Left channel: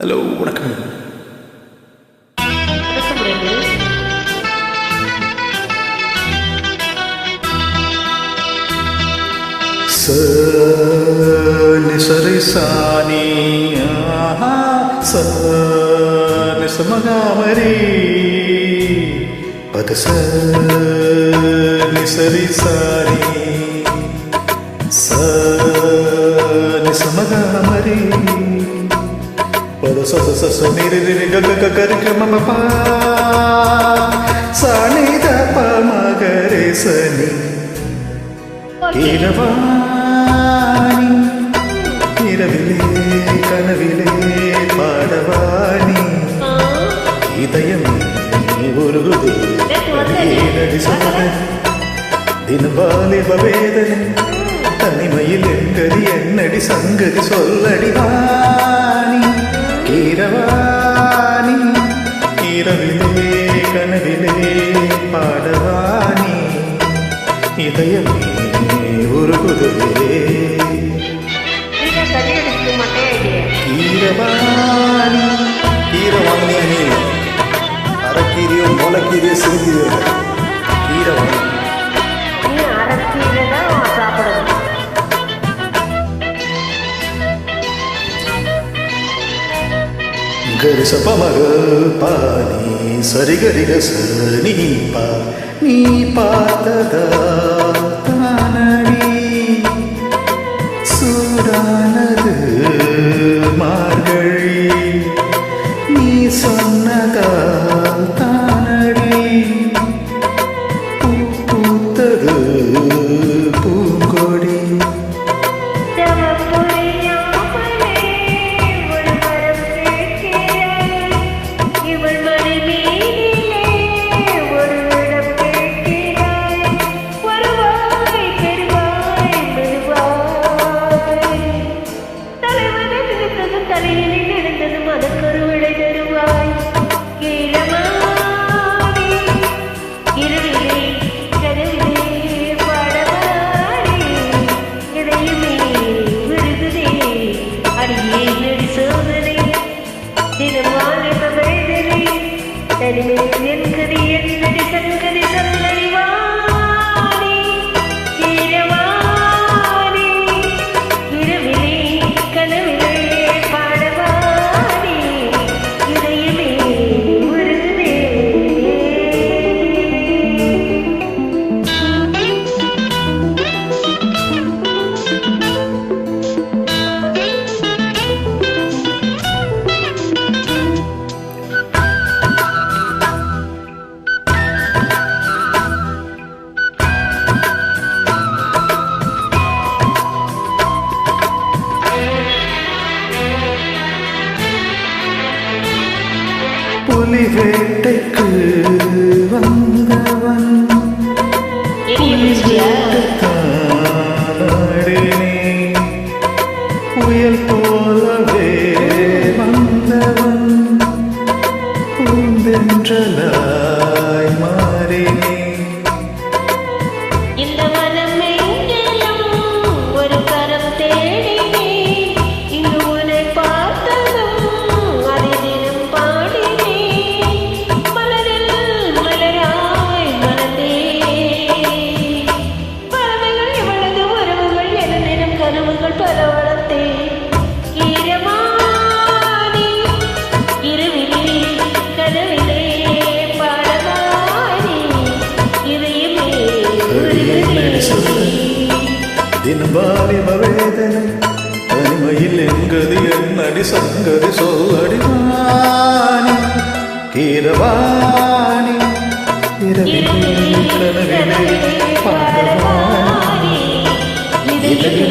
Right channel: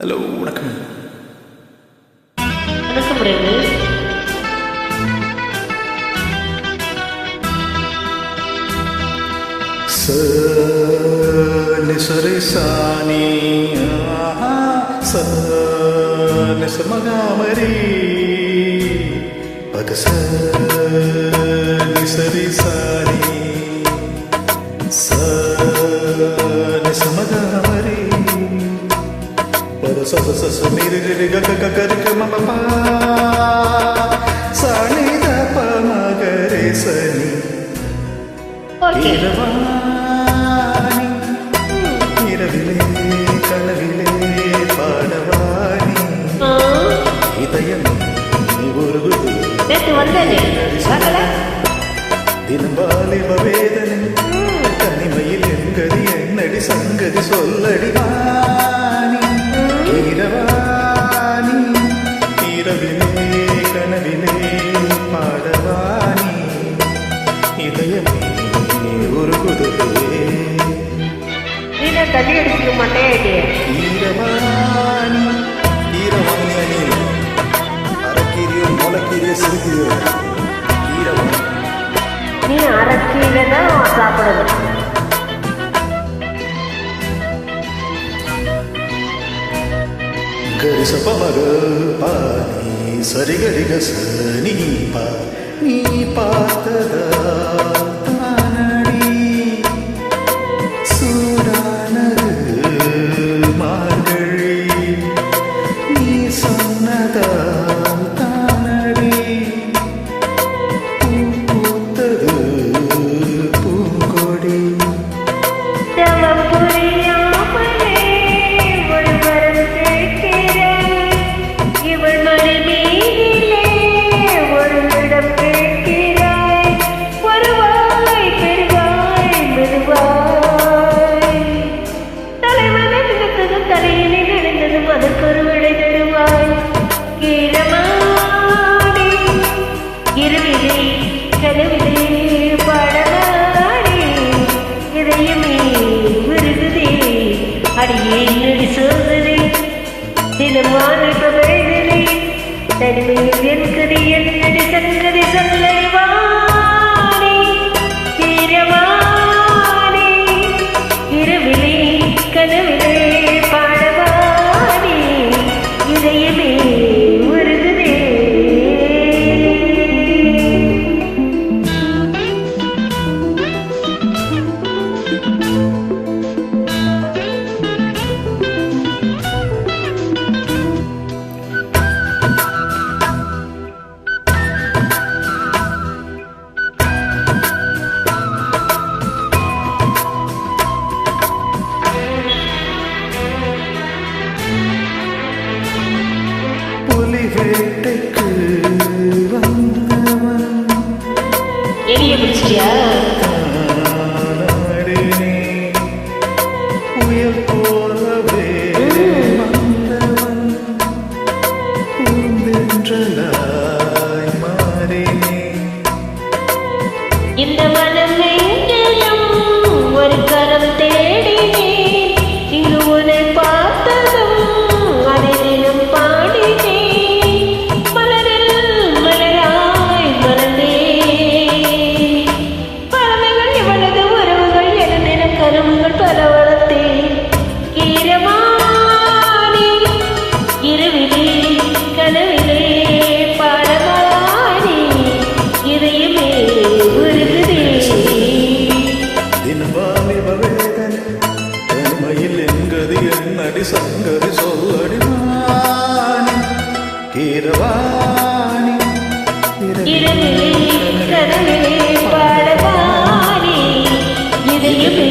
Hello வணக்கம். வணக்கம் ரகு. நிசரி சாணி நிசமகாமரி பத நிசரி சாணி நிசமகாமரி பத சச சச நிரி நிரி க க கரி க மம பா சாணி த ப மகரே சனி இரவாணி இரவிலே கனவிலே பாடவாணி இதயமே உருகுதே தினம் வாலிப வேதனை தனிமையில் எங்கதி என்னடி சங்கதி சொல்லடி வாணி இரவாணி இரவிலே கனவிலே பாடவாணி இதயமே உருகுதே தண்ணி அடிக்க மாட்டேன். கீரவாணி கீரை வாங்கினியா நீ? அரைக்கீரையோ முளைக்கீரையோ சிறுகீரையோ? கீரை வாங்க. நீ அரைக்கீரை தான் சாப்பிடணும். கரிச பமக பானி சரிகரிக சனி பா நீ பார்த்ததா தானடி சூடானது மார்கழி நீ சொன்னதால் தானடி பூ பூத்தது பூங்கொடி இவள் மணி மீதிலே ஒரு இடம் கேட்கிறாய். வருவாய் பெறுவாய் மெதுவாய். தலைவனை நினைத்ததும் தலையிலே நடந்ததும் அதற்கொரு விடை தருவாய். கீரமாடி இருவிலே கனவிலே பாடமாடி இதயமே விருகுதே அடியே நெடி சோதனை தினம் வாலிப வேதனை தனிமையில் என் கதி என்னடி சங்கதி சொல்லடி வாணி இரவாணி இரவிலே கனவிலே பாடவாணி இதயமே உருகுதே. புலி வேட்டைக்கு வந்தவன் தானாடினே புயல் போலவே வந்தவன் பூந்தென்றலாய் மாறினே. இந்த மனம் எங்கிலும் ஒரு கரம் தேடினேன். இங்கு உன்னை பார்த்ததும் அதை தினம் பாடினேன். மலரில் மலராய் மலர்ந்தே பறவைகள் இவளது உறவுகள் என தினம் கனவுகள் பல வளர்த்தேன். கீரமானி இரவிலே கனவிலே பாடமானி இதயமே உருகுதே. தினம் வாலிப வேதனை தனிமையில் எங்கதி என்னடி சங்கதி சொல்லடி வாணி கீரவாணி இரவிலே கனவிலே பாடமானி இதயமே